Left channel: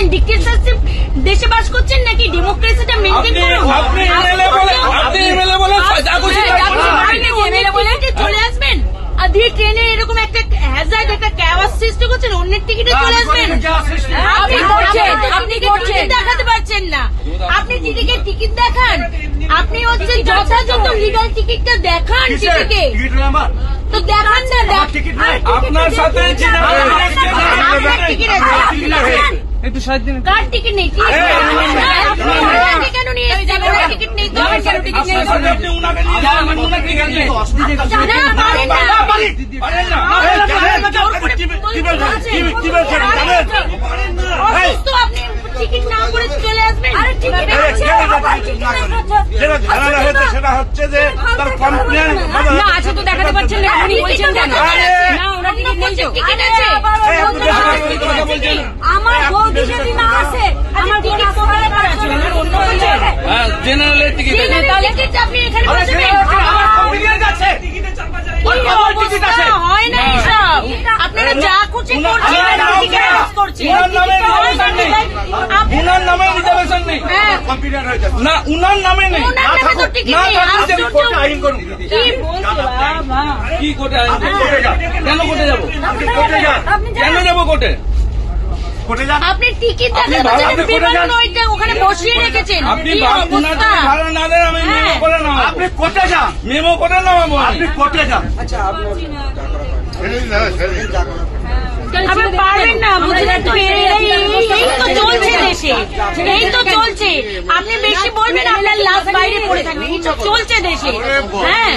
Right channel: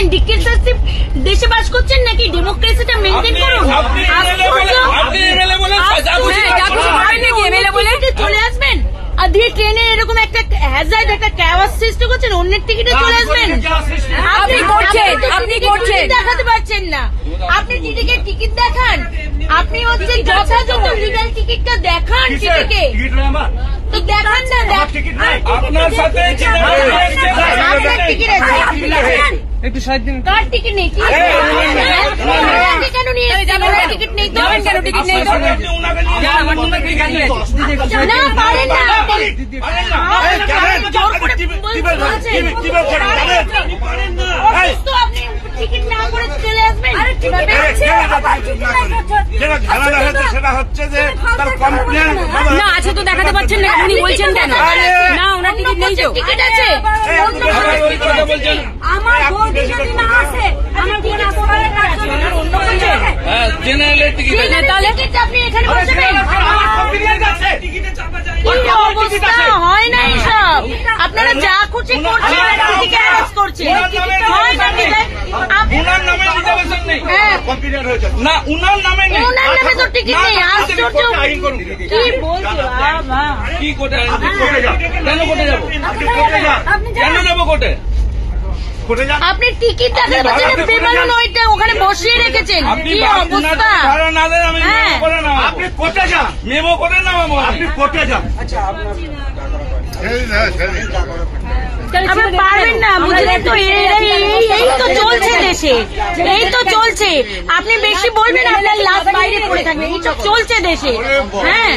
করছেন? ডিক্টেটরশিপ দেশে বাস করছেন নাকি ডেমোক্রেসিটা মেইনটেইন করুন? চলে আসবেন আর দিয়ে ট্রেনে এরকম একটা হ্যাজার্ড একটা ক্যাওয়াস সৃষ্টি করছেন, অন্যের টিকিটে চলে আসবেন। আপনি করছেন দেখাতে পারছেন না, আপনি টিকিট দেখান, আপনি হচ্ছেন যথাযথ লিগাল টিকিটটা দেখান টিটিকে, তো দেখান না। আপনার সাথে একটু সাহায্য দিন। কার টিকিট নেই? কেন নিয়ে টিকিট নেই? আপনি টিকিট না করে চলে আসবেন। সেটা হচ্ছে যে তার কমপ্লেন আচ্ছা, তো দেখাতে পারছেন না, আপনি বলছেন না ওনার টিকিট নেই। তো টিকিট আছে আমার বৌদি যদি না আসে, আমার টিকিট তোমার অন্য জেনারেলের টিকিট তাহলে আপনি এখানে বসবেন। হয় না এসব, আপনারা যা খুশি করছেন। উনার নামে রিজার্ভেশন নেই না, উনার নামে নেই। কি কোর্টে আইন? কেন কোর্টে যাবো? কেন যাবো কোর্টে? আপনি টিকিট ওখানে বসিয়ে রেখেছেন। আপনি ভাড়া না দেন, আমি মেমো করে নাম। আপনি কোর্টে যান, মেমো করে নামাবো। আপনি কোর্টে যান। এই তো চলছে, আপনি বেশি বলবেন, আপনার লাশ বাইরে পড়ে থাকবে। এই তো চলছে দেশে। হ্যাঁ,